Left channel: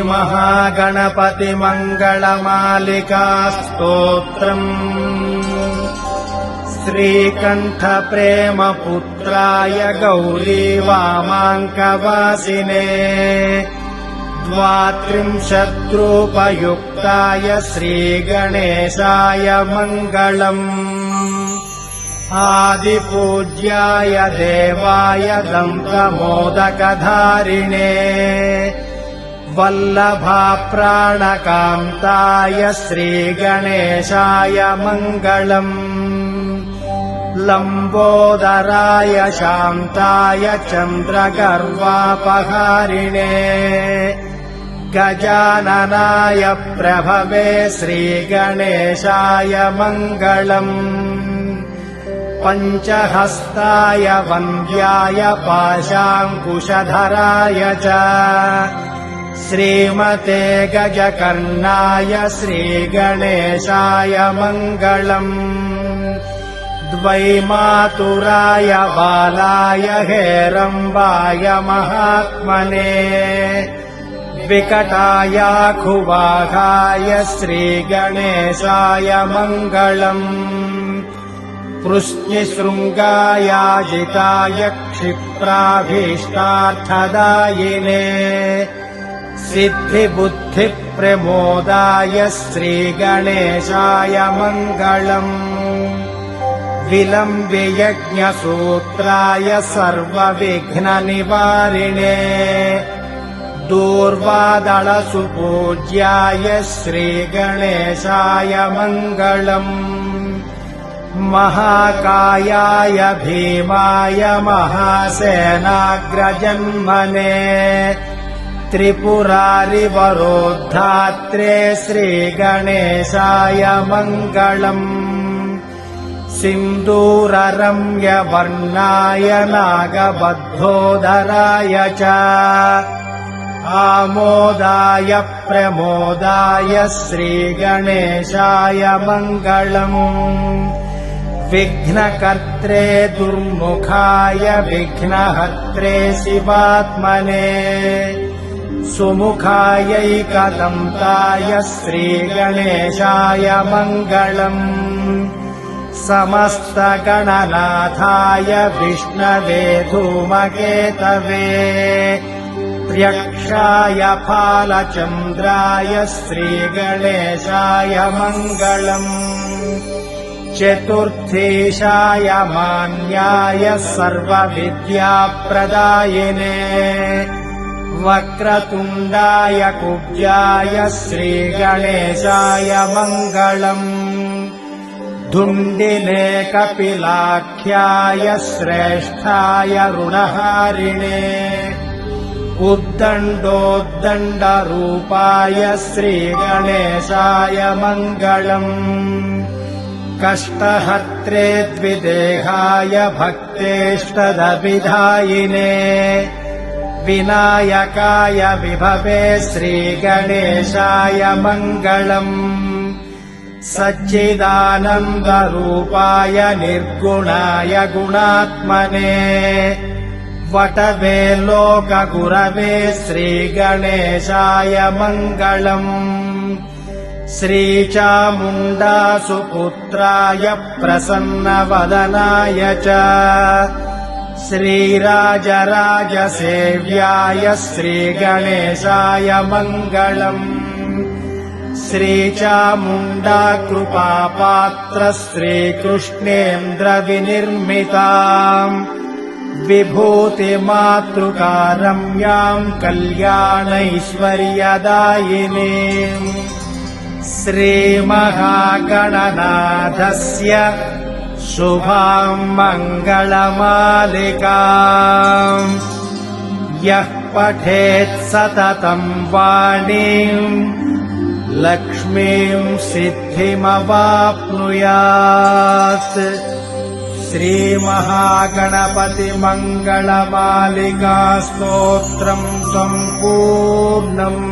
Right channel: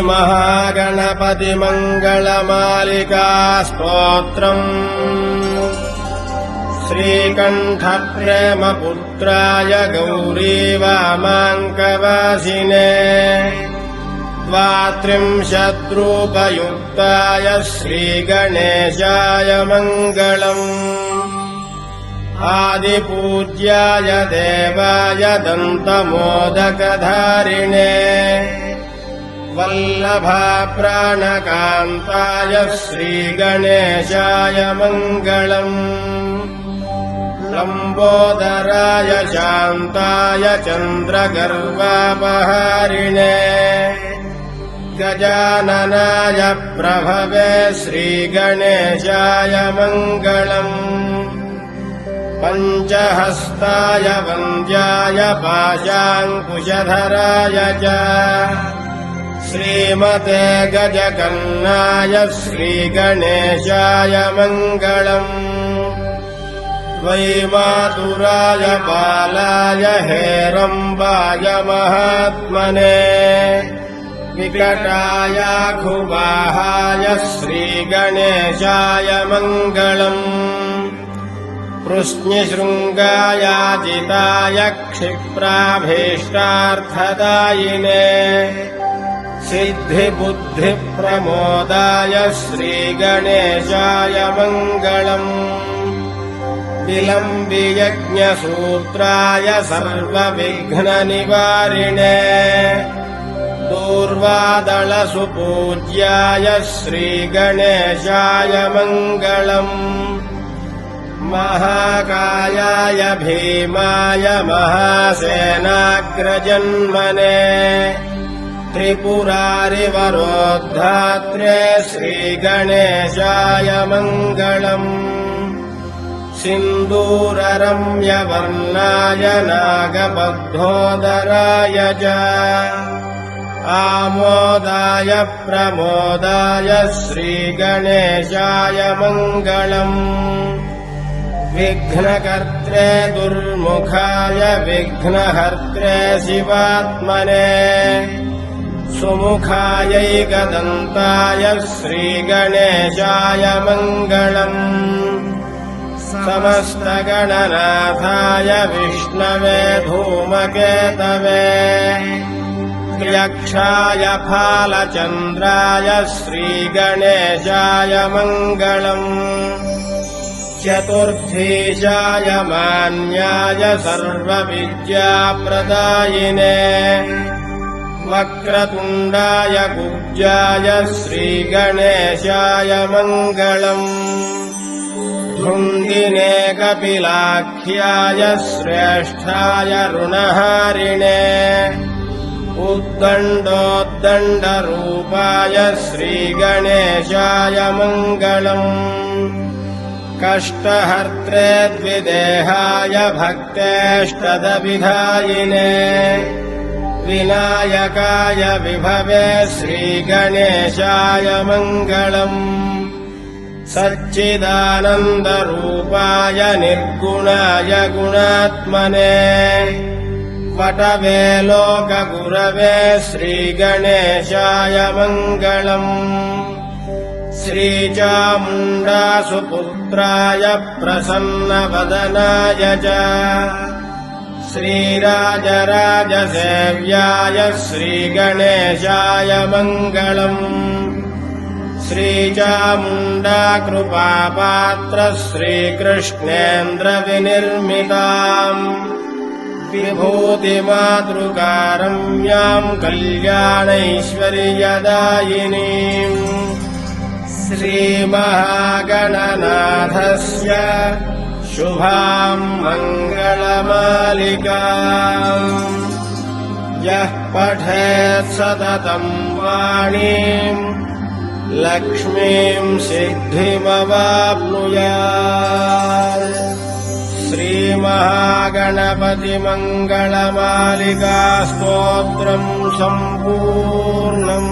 श्रीमहागणपतिमङ्गलमालिका स्तोत्रम् श्रीकण्ठप्रेमपुत्राय गौरीवामाङ्कवासिने 32रूपयुक्ताय श्रीगणेशाय मङ्गलम् आदिपूज्याय देवाय दन्तमोदकधारिणे वल्लभाप्राणकान्ताय श्रीगणेशाय मङ्गलम् लम्बोदराय शान्ताय चन्द्रगर्वापहारिणे गजाननाय प्रभवे श्रीगणेशाय मङ्गलम् पञ्चहस्ताय वन्द्याय पाशाङ्कुशधराय च श्रीमते गजकर्णाय श्रीगणेशाय मङ्गलम् द्वैमातुराय बालाय हेरम्बाय महात्मने विकटायाखुवाहाय श्रीगणेशाय मङ्गलम् कृष्णशृङ्गायाजिताय क्षिप्राभीष्टार्थदायिने सिद्धिबुद्धिप्रमोदाय श्रीगणेशाय मङ्गलम् विलम्बियज्ञसूत्राय सर्वविघ्ननिवारिणे दूर्वादलसुपूज्याय श्रीगणेशाय मङ्गलम् महाकायाय भीमाय महासेनाग्रजन्मने त्रिपुरारिवरोद्धात्रे श्रीगणेशाय मङ्गलम् सिन्दूररम्यवर्णाय नागबद्धोदराय च आमोदाय प्रमोदाय श्रीगणेशाय मङ्गलम् विघ्नकर्त्रे दुर्मुखाय विघ्नहर्त्रे शिवात्मने सुमुखायैकदन्ताय श्रीगणेशाय मङ्गलम् समस्तगणनाथाय विष्णवे धूमकेतवे यक्षाय फालचन्द्राय श्रीगणेशाय मङ्गलम् चतुर्थीशाय मान्याय सर्वविद्याप्रदायिने वक्रतुण्डाय कुब्जाय श्रीगणेशाय मङ्गलम् धुण्डिने कपिलाख्याय श्रेष्ठाय ऋणहारिणे उद्दण्डोद्दण्डरूपाय श्रीगणेशाय मङ्गलम् कष्टहर्त्रे द्विदेहाय भक्तेष्टदभिधायिने विनायकाय विभवे श्रीगणेशाय मङ्गलम् सच्चिदानन्दरूपाय निर्गुणाय गुणात्मने वटवे लोकगुरवे श्रीगणेशाय मङ्गलम् श्रीचामुण्डासुपुत्राय प्रसन्नवदनाय च श्रीराजराजसेव्याय श्रीगणेशाय मङ्गलम् श्रीचामुण्डा कृपापात्र श्रीकृष्णेन्द्रविनिर्मिता विभूतिमातृकारम्याम् कल्याणैश्वर्यदायिनीम् श्रीमहागणनाथस्य शुभाम् मङ्गलमालिकाम् यः पठेत् सततम् वाणीम् लक्ष्मीम् सिद्धिमवाप्नुयात् श्रीमहागणपतिमङ्गलमालिका स्तोत्रम् सम्पूर्णम्।